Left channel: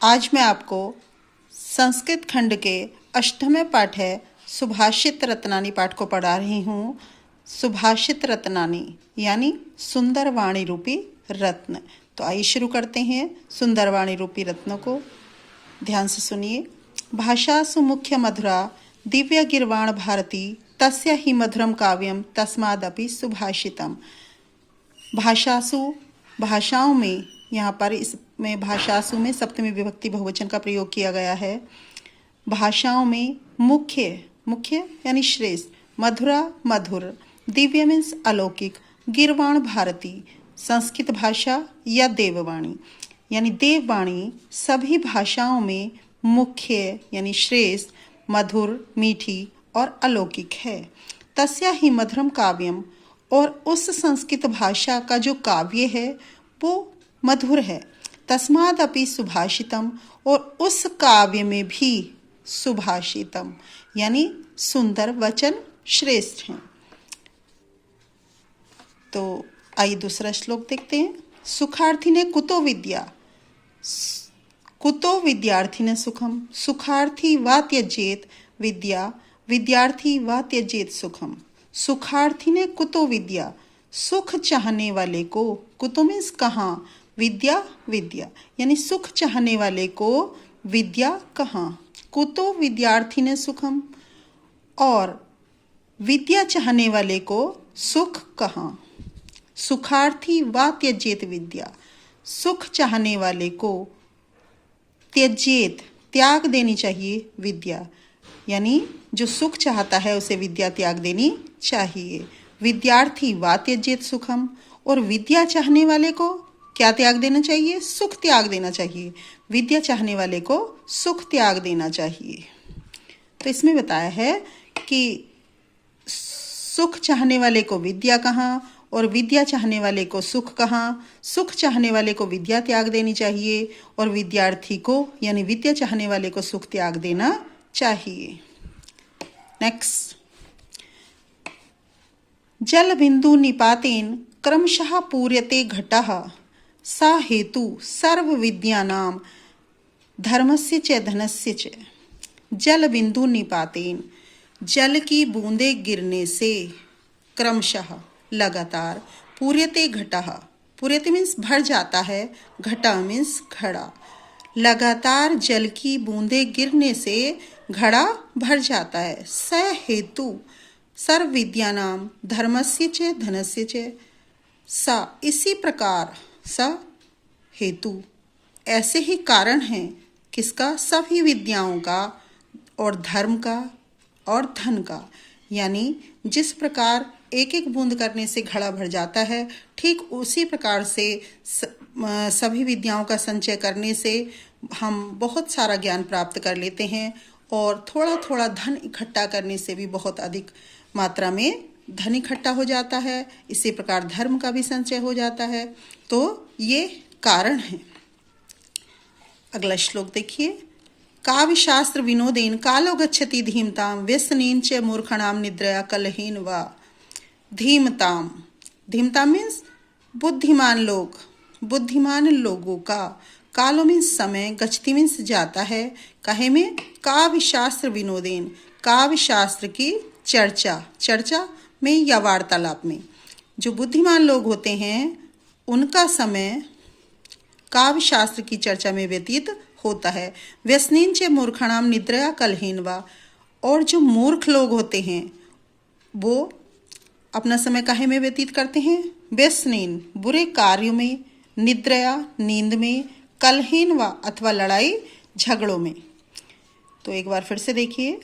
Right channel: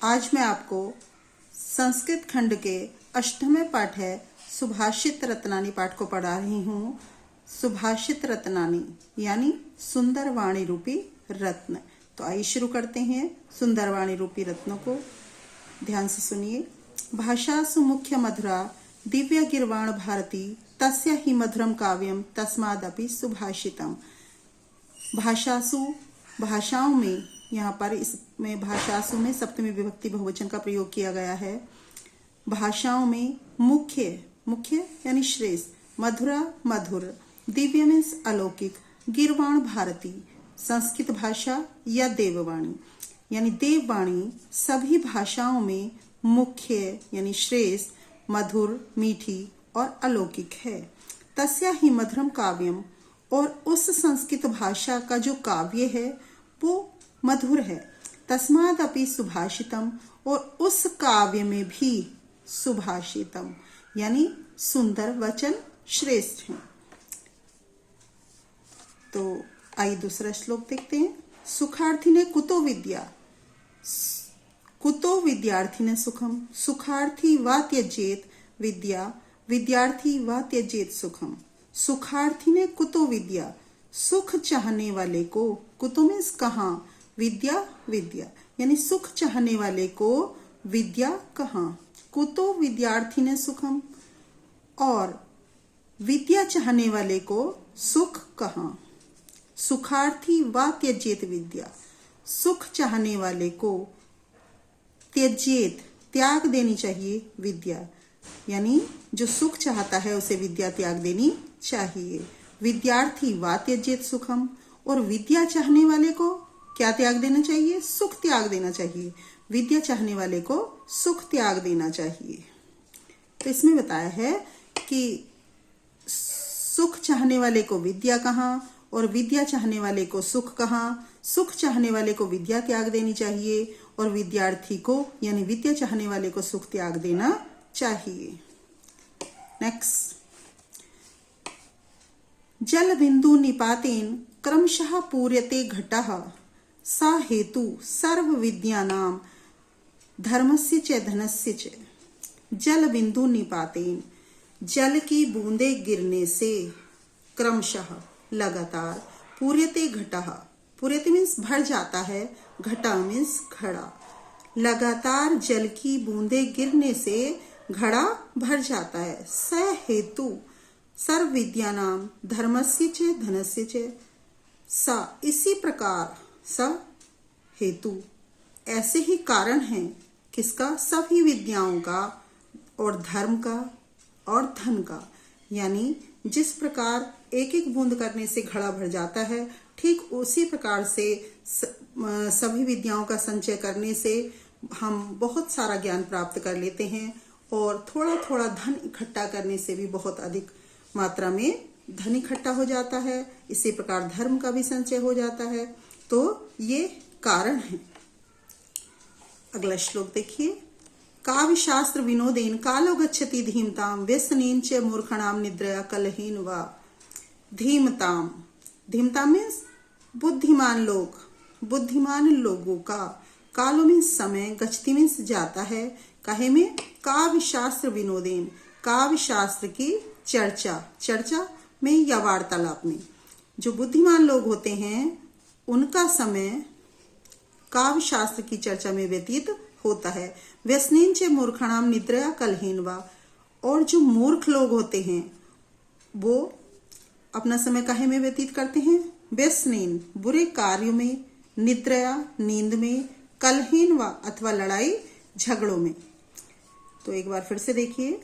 आज मैं आपको संस्कृत खंड के अष्टवें पाठ है सुभाषित रत्नानी पाठ को पढ़ा रही हूँ। सुभाषित रत्नानी यानी सुंदर वाणी रूपी रत्न। तो आइए शुरू करते हैं सुंदर वाणी रूपी रत्नों को। ध्यान से सुनिए। भाषासु मुख्य मधुरा दिव्य गिरवाण भारती तस्य ही मधुरम काव्यम तस्मादपि सुभाषितम। भाषासु भाषाओं में, यहाँ पर इसमें भाषासु में सप्तमी विभक्ति बहुवचन का प्रयोग किया गया है। भाषाओं में मुख्य मुख्य यानी श्रेष्ठ, मधुरा मधुर, दिव्य मीन्स अलौकिक, गिरवाण भारती संस्कृत भाषा या देववाणी यानी देववाणी सभी भाषाओं में मुख्य यानी श्रेष्ठ, मधुर, मीठी और अलौकिक है। तस्या ही मधुरम काव्यम, और उस संस्कृत भाषा का जो काव्य है वो मधुर है। तस्मादपि सुभाषितम, और उस काव्य में भी सुभाषितम यानी सुंदर वचन श्रेष्ठ हैं। तो आइए दूसरा श्लोक देखते हैं। सुखार्थी ने कुतो विद्या, कुतो विद्यार्थी ने सुखम, सुखार्थी वा त्यजेत विद्या, विद्यार्थी वा त्यजेत सुखम। सुखार्थी ने कुतो विद्या, सुख चाहने वाले को, कुतो मीन्स कहाँ, विद्या विद्या यानी सुख चाहने वाले को विद्या कहाँ। कुतो विद्यार्थी ने सुखम, और विद्या चाहने वाले को सुख कहाँ। सुखार्थी वा त्यजेत विद्या, सुख चाहने वाले को त्यजेत त्याग देनी चाहिए विद्या, यानी जो सुख चाहता है उसे विद्या त्याग देनी चाहिए। विद्यार्थी वा त्यजेत सुखम, और विद्या चाहने वाले को क्या त्याग देना चाहिए, सुख त्याग देना चाहिए। विद्या चाहने वाले को सुख त्याग देना चाहिए। तो इसमें बताया है कि सुख चाहने वाले को विद्या कहाँ और विद्या चाहने वाले को सुख कहाँ। सुख चाहने वाले को विद्या त्याग देनी चाहिए और विद्यार्थी को यानी विद्या चाहने वाले को सुख त्याग देना चाहिए। नेक्स्ट, जल बिंदु निपातेन क्रमशः पूर्यते घटः सा हेतु सर्व विद्यानां धर्मस्य च धनस्य च। जल बिंदु निपातेन, जल की बूंदे गिरने से, क्रमशः लगातार, पूर्यते घटः, पूर्यते मीन्स भर जाता है, घटा मीन्स घड़ा। लगातार जल की बूंदे गिरने से घड़ा भर जाता है। स हेतु सर्व विद्यानाम धर्मस्य च धनस्य च। सा इसी प्रकार, स हेतु ऐसे ही कारण है किसका, सभी विद्याओं का और धर्म का और धन का। यानी जिस प्रकार एक एक बूंद करने से घड़ा भर जाता है, ठीक उसी प्रकार से सभी विद्याओं का संचय करने से हम बहुत सारा ज्ञान प्राप्त कर लेते हैं, और थोड़ा थोड़ा धन इकट्ठा करने से भी बहुत अधिक मात्रा में धन इकट्ठा हो जाता है। इसी प्रकार धर्म का भी संचय हो जाता है। तो ये कारण है। अगला श्लोक देखिए। काव्य शास्त्र विनोदेन कालो गच्छति धीमताम व्यसनेन च मूर्खणाम निद्रया कलहीन वा। धीमताम, धीमताम मीन्स बुद्धिमान लोग, बुद्धिमान लोगों का, कालो मीन्स समय, गच्छति मीन्स जाता है, कहे में काव्य शास्त्र विनोदेन, काव्य शास्त्र की चर्चा, चर्चा में या वार्तालाप में। जो बुद्धिमान लोग होते हैं उनका समय काव्य शास्त्र की चर्चा में व्यतीत होता है। व्यसनीन च मूर्खणाम निद्रया कलहीन वा, और जो मूर्ख लोग होते हैं वो अपना समय काहे में व्यतीत करते हैं, व्यसनीन बुरे कार्यों में, निद्रया नींद में, कलहीन वा अथवा लड़ाई झगड़ों में। तो एक बार फिर से देखिए।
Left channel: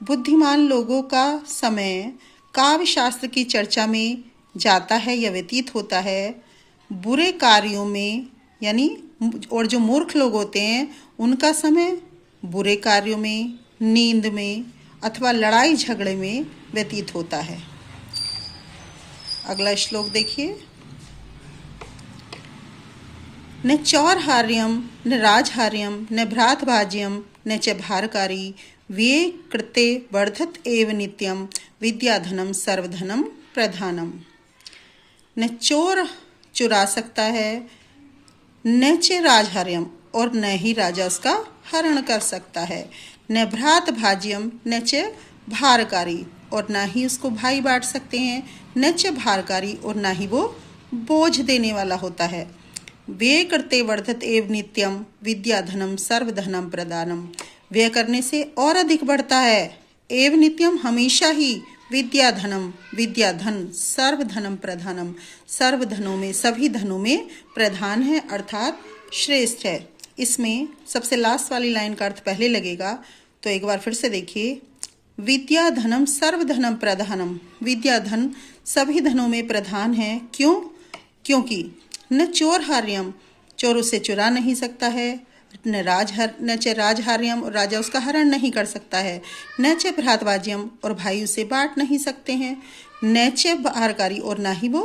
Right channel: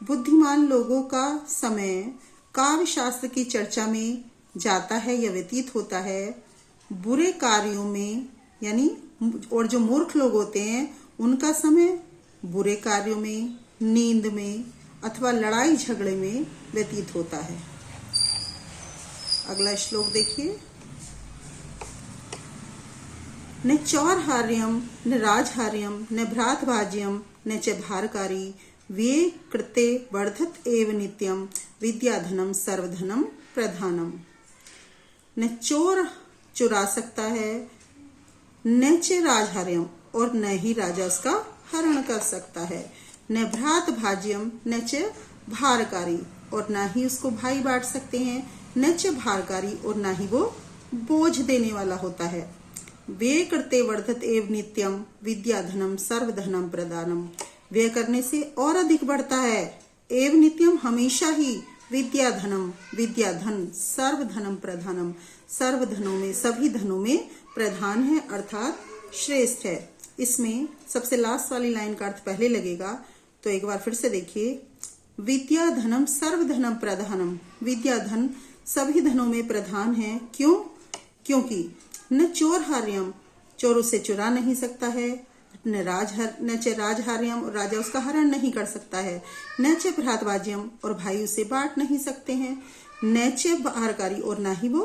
बुद्धिमान लोगों का समय काव्य शास्त्र की चर्चा में जाता है या व्यतीत होता है, बुरे कार्यों में यानी, और जो मूर्ख लोग होते हैं उनका समय बुरे कार्यों में, नींद में अथवा लड़ाई झगड़े में व्यतीत होता है। अगला श्लोक देखिए। न चौरहार्यम न राजहार्यम न भ्रातभाज्यम न च भारकारी वे कृते वर्धत एव नित्यम विद्याधनम सर्वधनम प्रधानम। न चोर चुरा सकता है, न च राजहार्यम, और न ही राजा उसका हरण कर सकता है। न भ्रात भाज्यम न च भारकारी, और ना ही उसको भाई बांट सकते हैं, न च भारकारी, और ना ही वो बोझ देने वाला होता है। व्यय करते वर्धत एव नित्यम विद्या धनम सर्वधनम प्रदानम, व्यय करने से और अधिक बढ़ता है। एव नित्यम हमेशा ही, विद्या धनम विद्या धन, सर्वधनम प्रधानम सर्वधनों में सभी धनों में प्रधान है अर्थात श्रेष्ठ है। इसमें सबसे लास्ट वाली लाइन का अर्थ पहले लगेगा, तो एक बार फिर से देखिए। विद्या धनम सर्वधनम प्रधानम, विद्या धन सभी धनों में प्रधान है। क्यों? क्योंकि न चोर हार्यम, चोर उसे चुरा नहीं सकता है, न च राजहार्यम, राजा उसका हरण नहीं कर सकता है, न च भ्रातवाज्यम, और भाई उसे बांट नहीं सकते हैं, न च भारकारी, और ना ही वो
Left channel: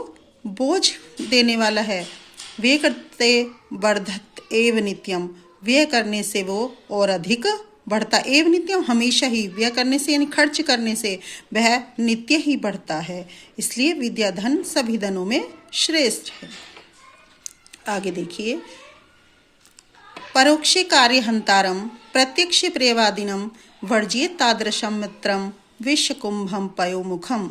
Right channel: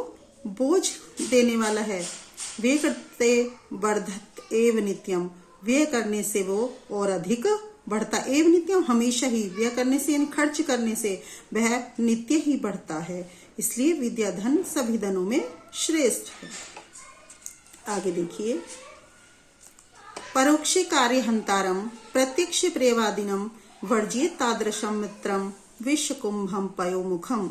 बोझ देने वाला है। वे करते वर्धत एव नित्यम, व्यय करने से वो और अधिक बढ़ता, एव नित्यम हमेशा ही, व्यय करने से यानी खर्च करने से वह नित्य ही बढ़ता है। इसलिए विद्या धन सभी धनों में श्रेष्ठ है। आगे देखिए। परोक्षे कार्य हंतारम प्रत्यक्ष प्रियवादिनम वर्जिए तादृशम मित्रम विश्वकुंभम पयोमुखम।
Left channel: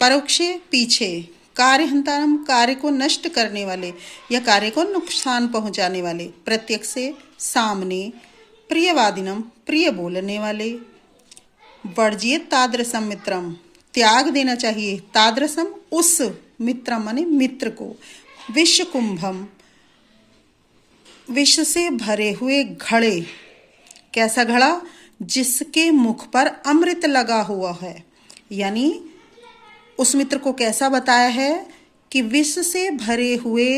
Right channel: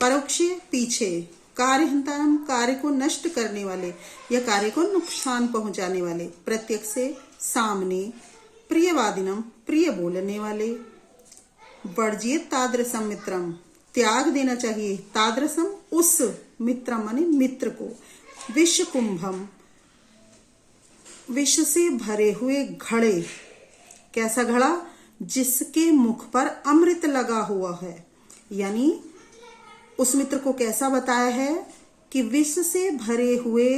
परोक्षे पीछे, कार्य हंतारम वर्जिए को नष्ट करने वाले या कार्य को नुकसान पहुंचाने वाले, प्रत्यक्ष से सामने, प्रियवादिनम प्रिय बोलने वाले, वर्जिए तादृशम मित्रम त्याग देना चाहिए, तादृशम उस, मित्रम माने मित्र को, विश्वकुंभम विष से भरे हुए घड़े, कैसा घड़ा? जिसके मुख पर अमृत लगा हुआ है। यानी उस मित्र को कैसा बताया है कि विष से भरे हुए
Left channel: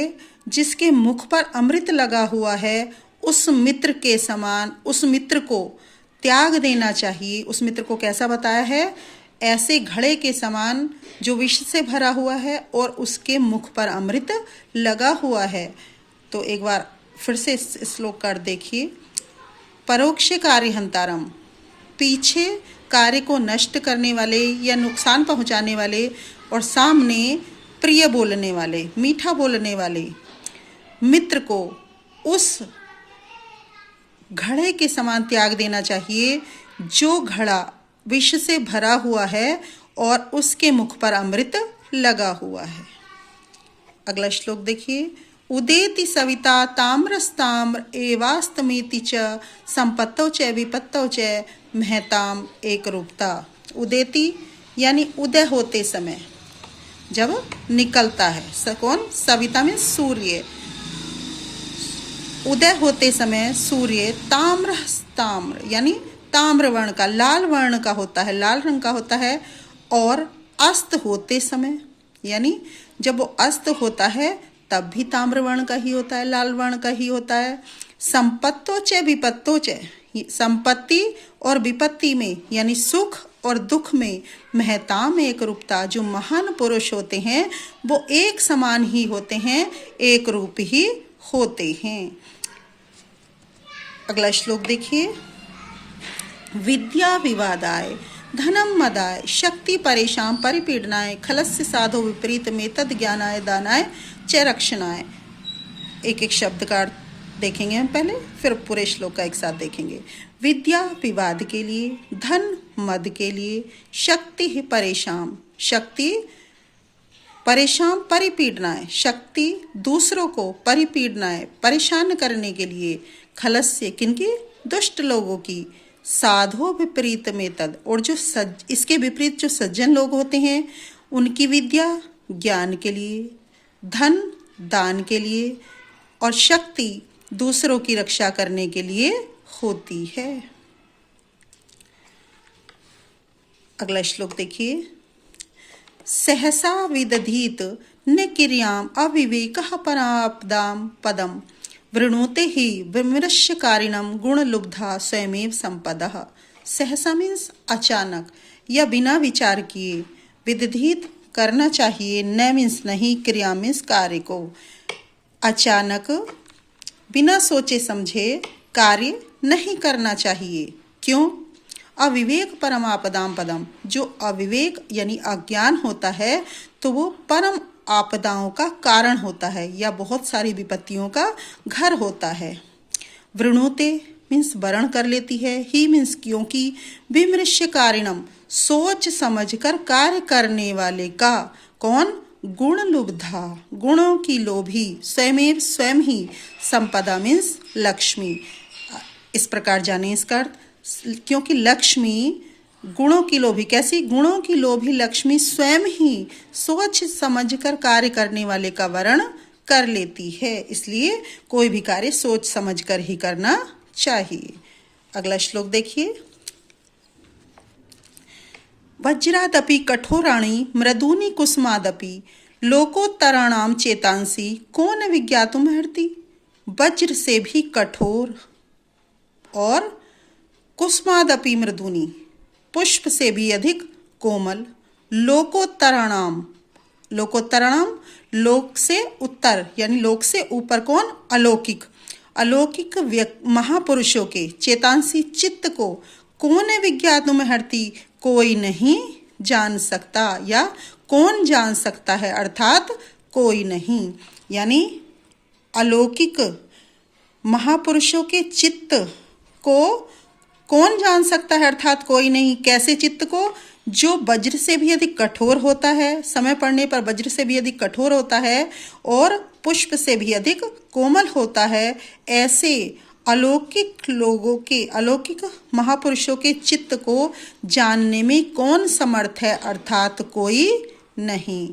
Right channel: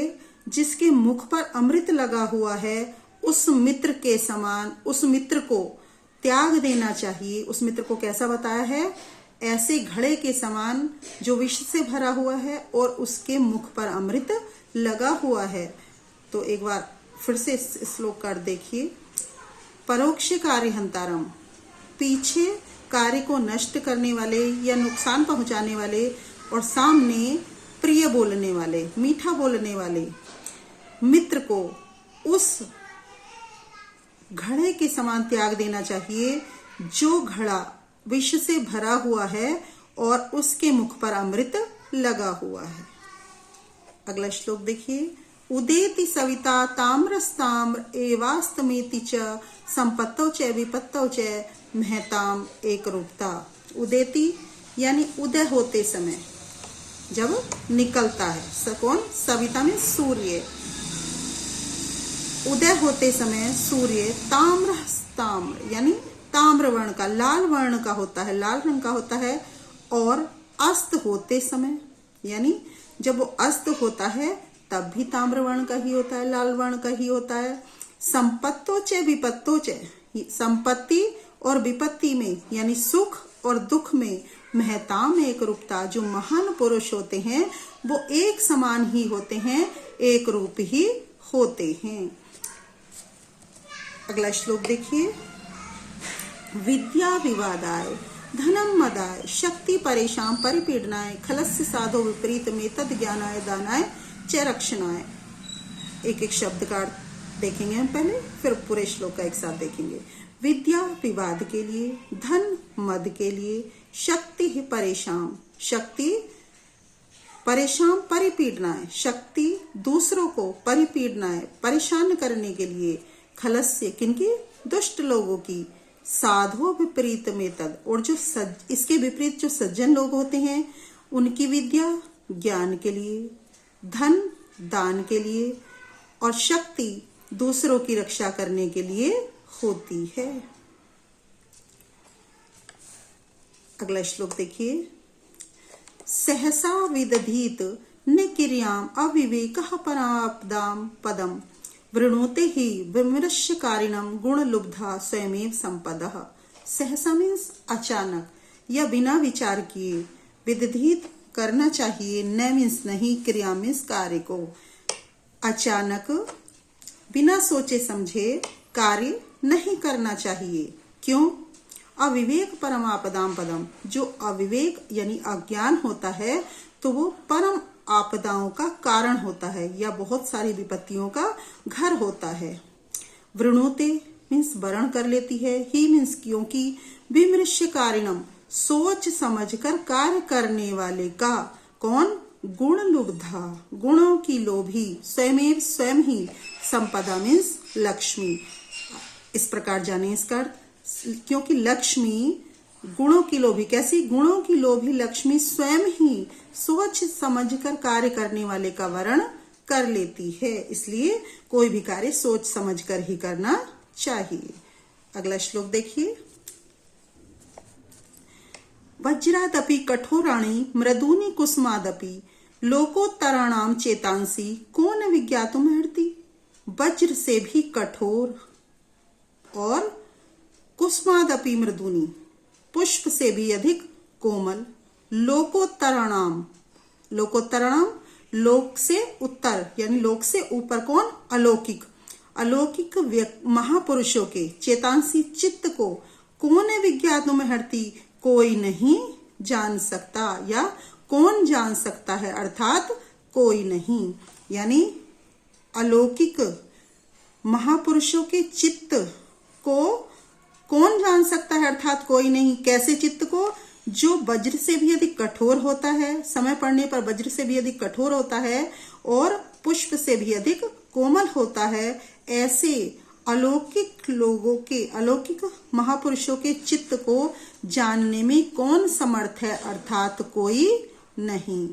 जिसके मुख पर अमृत लगा हुआ है, उस मित्र के समान उस मित्र को त्याग देना चाहिए। उस मित्र को कैसा बताया है? ऐसे घड़े के समान जो विष से भरा हुआ है और उसके मुख पर अमृत लगा हुआ है। तो एक बार फिर से इस श्लोक का देखिए। परोक्ष कार्य हंतारम, पीछे कार्य को नष्ट करने वाले या नुकसान पहुंचाने वाले, और सामने प्रिय बोलने वाले, मीठा बोलने वाले मित्र को उस घड़े के समान त्याग देना चाहिए जो घड़ा विष से भरा हुआ है और उसके मुख पर अमृत लगा हुआ है। अगला श्लोक देखिए। उदेति सविता ताम्रस्ताम्र एवास्तमेति च संपत्तौ च विपत्तौ च महताम एक रूपता। उदेति यानी उदय होते समय, जब निकलता है, कौन? सविता में सूर्य। उदय होते समय सूर्य ताम्र यानी ताम्र वर्ण का, लाल वर्ण का होता है, लाल रंग का होता है। और अस्त होते समय यानी जब वो अस्त होता है तब भी ताम्र वर्ण का ही होता है, लाल वर्ण का ही होता है। संपत्तो च विपत्तो च, संपत्ति और विपत्ति में यानी सुख और दुख में महताम एक रूपता, जो महान पुरुष होते हैं वो एक समान ही होते हैं, एक रूप ही होते हैं। अगला श्लोक देखिए। विद्या विवादाय धनम मदाय शक्ति परेशान परिपीडनाय खलस्य साधो विपरीत में तद ज्ञानाय दानाय च रक्षणाय। एक एक शब्द का अर्थ देखेंगे हम पहले, फिर पूरे श्लोक का एक साथ देखेंगे। विद्या विवाद के लिए, धन मद के लिए, शक्ति ही परेशान, शक्ति परेशान परिपीडनाय, शक्ति दूसरों को परिपीडनाय परेशान करने के लिए, खलस्य किनकी? दुष्ट लोगों की, साधो विपरीत में तद, और जो इसके विपरीत जो सज्जन लोग होते हैं उनकी विद्या ज्ञान के लिए, धन दान के लिए, और शक्ति दूसरों की रक्षा करने के लिए होती है। अगला श्लोक देखिए। सहसा विदधीत न किर्याम अविवेकः परापदाम पदम वृणुते ही विमृश्यकारिणम गुणलुब्धा स्वयमेव संपदः। सहसा मीन्स अचानक या बिना विचार किए, विदधीत करना चाहिए, न मीन्स नहीं, क्रिया मीन्स कार्य को, अचानक बिना सोचे समझे कार्य नहीं करना चाहिए। क्यों? अविवेक परमापदाम पदम, जो अविवेक यानी अज्ञान होता है तो वो परम आपदाओं का कारण होता है या बहुत सारी विपत्तियों का घर होता है। वृणुते मीन्स वर्ण कर लेती है, ही मीन्स क्योंकि, विमृश्य कारिणम सोच समझकर कार्य करने वाले का, कौन, गुण लुब्धा गुणों की लोभी, स्वयमेव स्वयं ही, संपदा मीन्स लक्ष्मी। इस प्रकार जाने इसका अर्थ, क्योंकि लक्ष्मी गुणों की लोभी, कैसी, गुणों की लोभी लक्ष्मी स्वयं ही सोच समझकर कार्य करने वाले का वर्ण कर लेती है, इसलिए कोई भी कार्य सोच समझकर ही करना चाहिए। अगला श्लोक देखिए। वज्रादपि कठोराणि मृदूनि कुसुमादपि लोकोत्तराणाम चेतांसी को न विज्ञातुमर्हति। वज्र से भी कठोर और कुसुमादपि मृदूनि, पुष्प से भी अधिक कोमल, लोकोत्तराणाम, लोकोत्तराणाम लोक से उत्तर यानी लोक से ऊपर, कौन, अलौकिक, अलौकिक महापुरुषों के, चेतांसी चित्त को, कौन विज्ञातुमर्हति कोई नहीं जान सकता या कौन जान सकता है, अर्थात कोई नहीं, यानी अलौकिक महापुरुषों के चित्त को कौन जान सकता है, अर्थात कोई नहीं। कैसे चित्त को, जो वज्र से भी अधिक कठोर होता है, समय पड़ने पर वज्र से भी अधिक कठोर होता है और पुष्प से भी अधिक कोमल होता है, ऐसे अलौकिक लोगों के, अलौकिक महापुरुषों के चित्त को जानने में कौन समर्थ है, अर्थात कोई नहीं।